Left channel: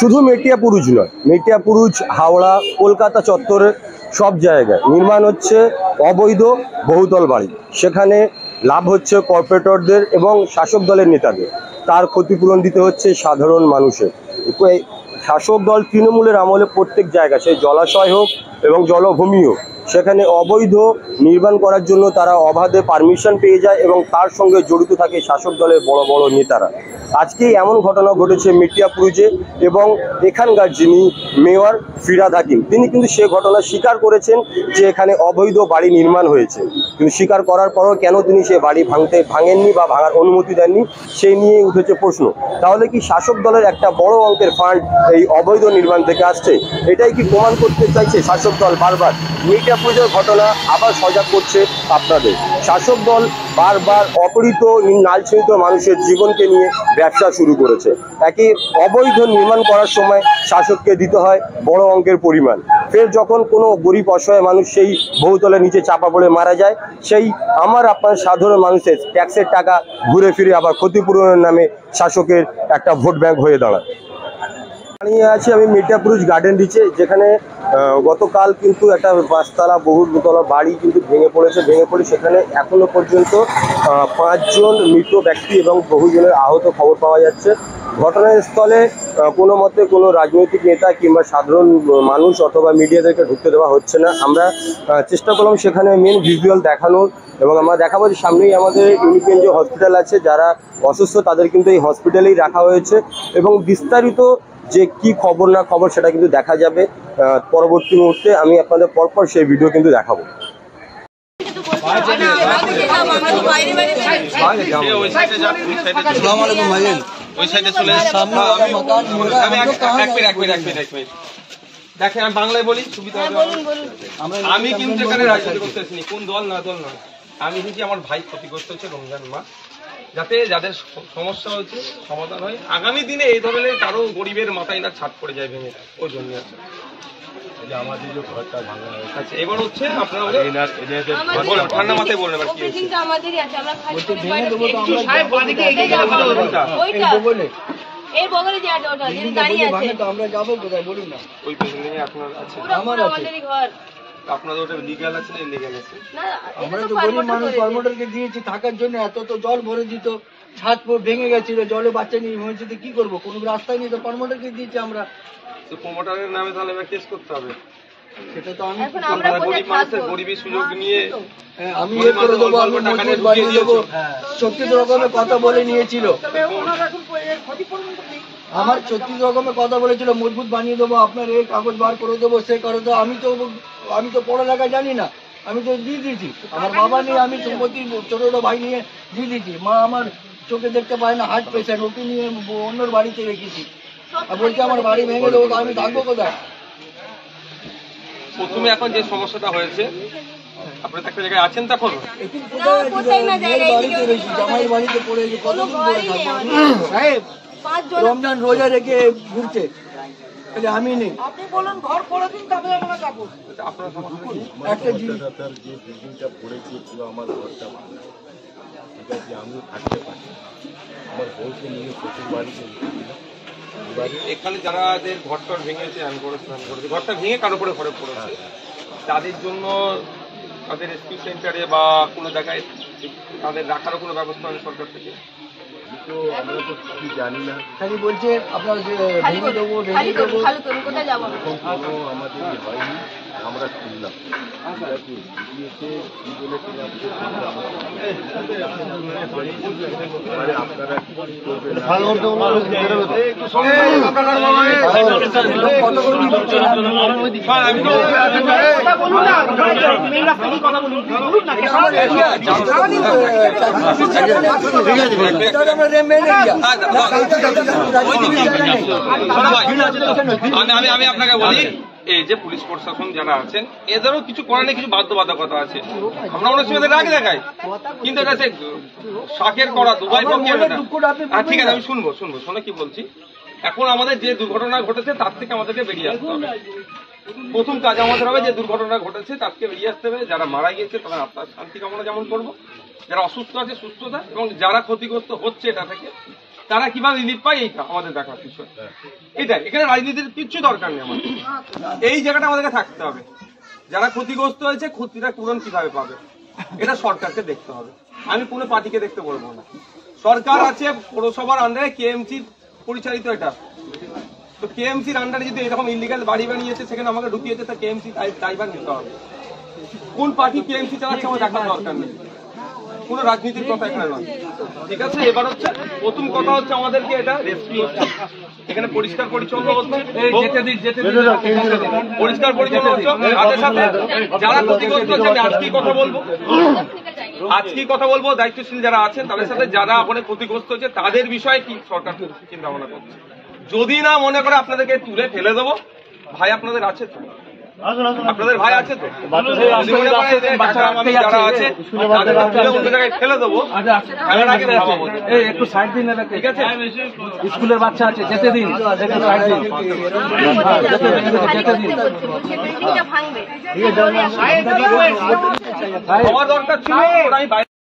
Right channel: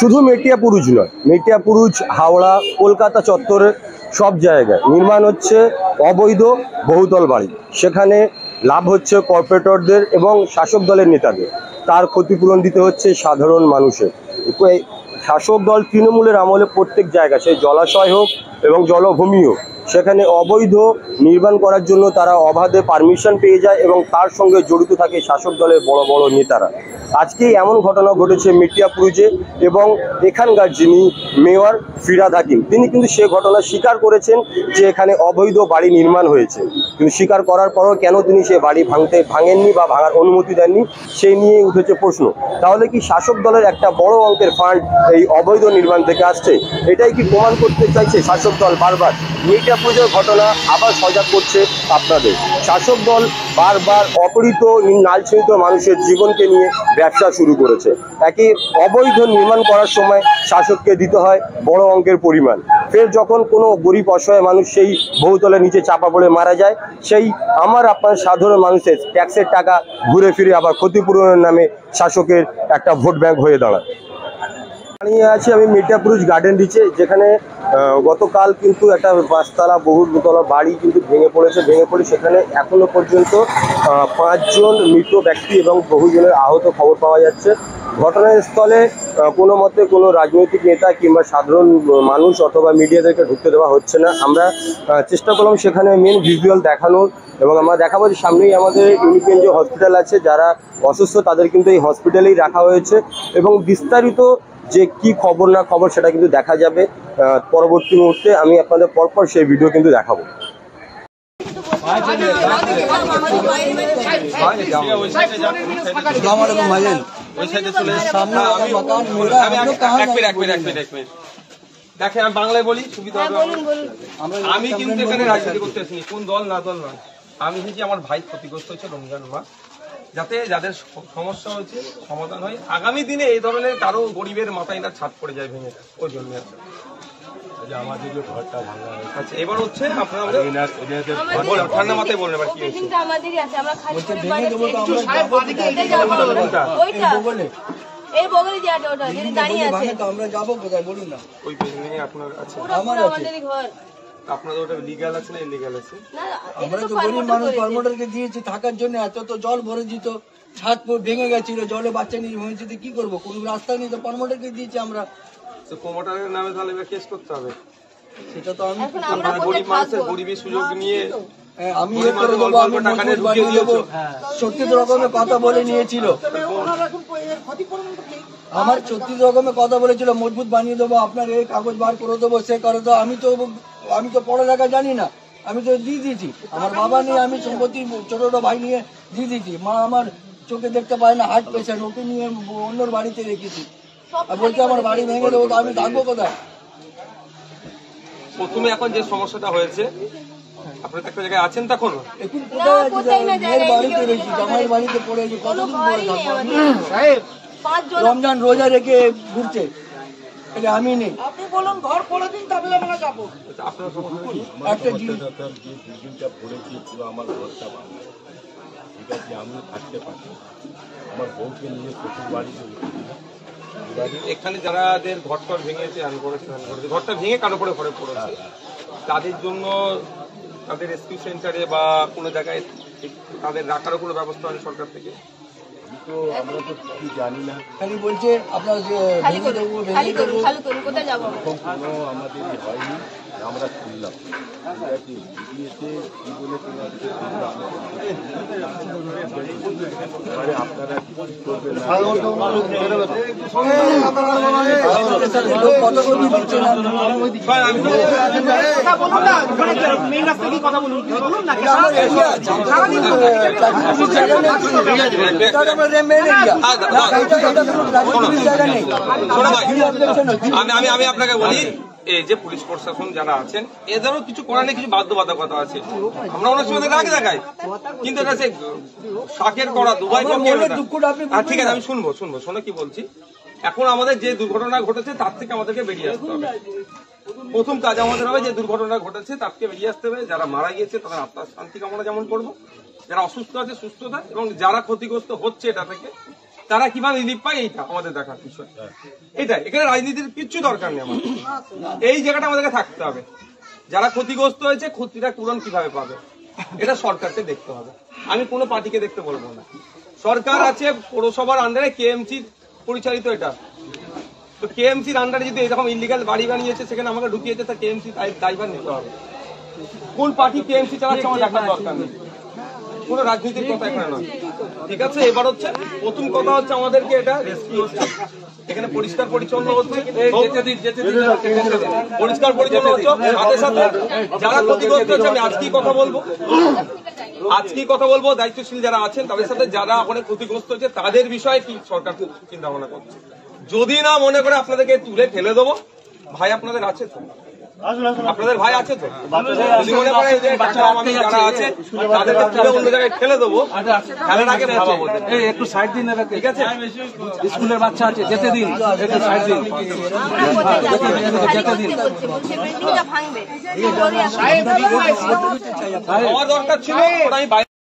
শুধু মেটিয়াপুরুজ নয়, মেটিয়াপুরুজ, হাওড়া, কলকাতা চত্বরে সব জায়গায় নির্মাণ হচ্ছে অবৈধ বহুতল বাড়ি। সেখানে লাভ হচ্ছে কর্পোরেটরদের এবং শাসক দলের নেতাদের। তার ক্ষতিপূরণ দিতে হচ্ছে সাধারণ মানুষের। শাসক দল তৃণমূলের আমলে প্রত্যেক জায়গায়, সে জলাশয় হোক এবং জলভূমি হোক, সেখানে অবৈধ নির্মাণ করার জন্য তারা অবাধে পারমিশন পেয়ে যায় এবং তার সঙ্গে জড়িত থাকে শাসক দলের বড় বড় নেতারা। আজকেই এমন ঘটনা ঘটেছে মেটিয়াপুরুজে, এবং এখানকার যিনি মেয়র ফিরহাদ হাকিম, তিনি কিন্তু সে ঘটনা স্বীকার করেছেন যে এখানে অবৈধ বাড়ি নির্মাণ হয়েছে। কিন্তু স্বীকার করার পরও কেন তিনি সে বাড়ি ভাঙেননি বা ভাঙার অনুমতি দেননি, সেই নিয়ে উঠেছে প্রশ্ন। তাহলে কি শাসক দলের একটা বড় অঙ্কের ফান্ড এই অবৈধ নির্মাণ থেকে আসছে? এটাই কি প্রমাণ করতে চাইছে শাসক দল বারবার? মেটিয়াপুরুজের ঘটনা আবার সজাগ করছে আপনাদের। শাসক দল বারবার অপহৃত নালছিত মানুষের জীবনকে নিয়ে ব্যবসা শুরু করেছে। একই অবৈধ নির্মাণ করার সময় শাসককে দিতে হয় বড় অঙ্কের পরিমাণ। ফের যখন কোনো গরিব অসহায় মানুষ সেই বহুতলের নিচে চাপা পড়ে মারা যায়, সেই আমার আপনার সাধারণ মানুষের ট্যাক্সের টাকা ঘুরে ফিরে আবার ক্ষতিপূরণের নামে শাসকের একটা ভোট ব্যাংক হয়ে দাঁড়ায়। দাঁড়িয়ে আছি আমি মেটিয়াপুরুজ গার্ডেন রিচে, যেখানে গতকাল কিন্তু একটা 5তলা বহুতলা বাড়ি কিন্তু ভেঙে পড়ে সেখানে এখনো পর্যন্ত 5 জন মৃত ব্যক্তি এবং বহুজনের আহত খবর পাওয়া যাচ্ছে। ঘটনাস্থলে কোনো মতে কোনো রাজনৈতিক নেতা কিংবা সাধারণ মানুষ অথবা মিডিয়াদেরকে ঢুকতে দেওয়া হচ্ছে না। আমরা চেষ্টা করলাম সেখানে মেন ভিজুয়াল দেখানোর, এবং আমরা দেখাবো যে সামনেই আমাদের ইউনিপেন যে হসপিটাল আছে, যারা অসুস্থ তাদের কিন্তু এই হসপিটালেই রাখা হয়েছে, এবং বিস্তারিত যে কি খবর না খবর সেটা কিন্তু দেখা যাবে পরবর্তী মুহূর্তে। আমি আপনাদের পরপর সেই ভিডিও কিন্তু দেখাবো। দেখেন আমি বাংলায় বলি, সুবিধা হবে। আমি কিন্তু এখানে রাজনীতি করতে আসিনি, কোন দল না দল নয়। আমি এসেছি আমার ভাই ক্ষতিগ্রস্ত হচ্ছে রমজান মাস, যাতে যাদের সমস্যা হয়েছে সমাধান হয়। আগামী দিনে এই ধরনের কারো গরিবের মাথায় না ছাদ পড়ে যায় ভেঙে, ওই জন্য আছে। আমাদের যে ঘরটা ভাঙা হয়েছে, আচ্ছা এবার হচ্ছে আপনারা ঠান্ডা মাথায় বলুন এবার কি হয়েছে। এর বগলে যে ওটা যেটা দাঁড়িয়ে আছে আমরা যাব কোথায় বলুন না, ওই বিল্ডিং এ আপনার আছে, আমার আমাদেরই ঘর। আপনাদের ওটা লিগ্যাল আছে না ইলিগ্যাল আছে? না আমরা তো গরিব মানুষ, প্রমোটারকে দিয়েছি থাকার জন্য, এত তো জল ভরে দিত, ছাদ ভেঙে গেছিল, জলে বাচ্চা নিয়ে হয়েছে, তো কি করবো, কোনো রাস্তা নেই, তো প্রমোটারকে দিয়েছি আমরা। তো প্রমোটারের নামে তাহলে এবার কেস করতে হবে। সেটা তো আমি গরিব মানুষের গরিবের সুযোগ নিয়ে আমি সত্যি রকমের কথা বলে নিয়েছিল, আমার 36 রকমের কথা বলেছিল, মজবুত বানিয়ে দেবো, আপনার এই কাগজ বার করে দেবো, সে করে দেবো। আমি তো পড়ালেখা জানি না, আমি তো দিয়ে দিয়েছি। আমার বাবা নেই, আমি সম্পত্তি ছোট ভাই নিয়ে দিয়ে দিয়েছি। মা আমার চোখে দেখতে পায় না, হার্ট পেশেন্ট, ওকে নিয়ে অন্যর বাড়িতে রেখেছি। আর বলছি আমার বাড়ি ভেঙে দেবো, তো আমি থাকবো কোথায়? প্রথমে এখন যে সমস্যাটা হয়েছে, আপনি তো একটা জায়গায় আছেন, তখন এখন কোথায় বাড়িতে রয়েছি, জামাইয়ের বাড়িতে পড়েছি, কতদিন পরে থাকবো? রমজান রোজা রেখে ঘুরছে, আমি নেই। আপনি বলুন ঘর করে দিন, তারপরে আমরা যাবো। আপনার একটা জিনিস যে বিল্ডিংটা পড়েছে পুরো আমার ঘরটা ভাঙা, ঠিক আছে, আমিও থাকতে পারি, আমার বউকে নিয়ে শ্বশুর বাড়িতে এখানে যারাদের ঘরটা ভেঙেছে, ঘরটা ভেঙে কারো করে ঘরে পড়েছে, তাদের জন্য তাদের রেস্কিউ সেন্টারে বা কোনো জায়গায় তাদের রাখারও কোনো ব্যবস্থা হয় সরকার থেকে? তো আমরা তো কিছু জানি না, খালি বলছে আপনার ভেঙে দেবো, এরকম কোনো আমাদের হয়নি। আমরা শুনলাম দিয়েছে কি বলে আপনারা কি করবেন আমি আপনাকে বলি, এই যে পুলিশ প্রশাসন যারা আছেন, এদেরও কিছু করার নেই, কিছু বাধ্যবাধকতা আছে। আমরা অনেক সময় রাগ দেখাই, কিন্তু এটা সে শাকের করা দুবাই পক্ষের। ঠিক আছে, আমি শুনবো শোনো কি বলছি। এখন আমাদের যে দুর্ঘটনা ঘটেছে তার থেকে আমাদেরকে বেরিয়ে আসতে হবে। প্রথম কাজ আমাদের হবে যে দুর্ঘটনা ঘটেছে তার থেকে বেরিয়ে আসতে হবে। যারা মারা গিয়েছে তাদের আত্মার শান্তি কামনা যেমন করবো, যারা অসুস্থ আছে সুস্থতা, এবং যারা ক্ষতিগ্রস্ত হচ্ছে এটা থেকে তারা কিভাবে রিলিফ পায় এইটা আমাদের দেখার বিষয়। এটা এখানে রাজনীতির কিচ্ছু দরকার নেই আমাদের, এই জায়গাটা আমাদেরকে থাকতে হবে। যারা ক্ষতিগ্রস্ত হয়েছে ক্ষতিটা পূরণ কিভাবে পাবে এটা সরকারকে দেখতে হবে, আমি কোনো পার্টিকে দেখতে বলবো না। সরকার আছে পৌরসভার আন্ডারে, কেএমসি পরিচালিত এটা, তো কেএমসির আন্ডারে যদি এরকম ইলিগাল বাড়ি বানিয়েছে সেখানে আমাকে ঢুকিয়েছে, তা কেএমসি দায়ভার নিতে হবে। কোন পার্টি কেএমসি চালাচ্ছে আমার দেখার দরকার নেই, কোনো রাজনীতির কথা এখানে নয়, ঠিক আছে। এবার হচ্ছে প্রথম কথা হচ্ছে আমাদেরকে এটা রেস্কিউ হচ্ছে, এখানে পরিষ্কার পরিচ্ছন্ন হচ্ছে, পরিষ্কার পরিচ্ছন্ন হচ্ছে, সাথে সাথে যারা ক্ষতিগ্রস্ত হচ্ছে আমি আজকেই কথা বলবো দায়িত্বশীল যারা আছেন তাদের সাথে, যারা ওখানে ক্ষতিগ্রস্ত হচ্ছে তাদের বিষয়ে কি সরকার চিন্তা ভাবনা করছে। যদি না মনে করে আপনাদেরকে তুলে ফেলে দেবো, ভাই আপনাদের আছে তো, আপনাদের ভাই আছে তো, যদি মনে করে যে টাকা আমি যারা আছে তাদেরকে তুলে অন্য জায়গায় ফেলে দেবো, ফেলার আগে ভাবাবো একটু সাইড দিন, ঠিক আছে। স্কুলের বাচ্চা আছে, যেতে দিন, একটু সাইড দিন, যেতে দিন। ভাঙবে আমার দরকার ছিল আমি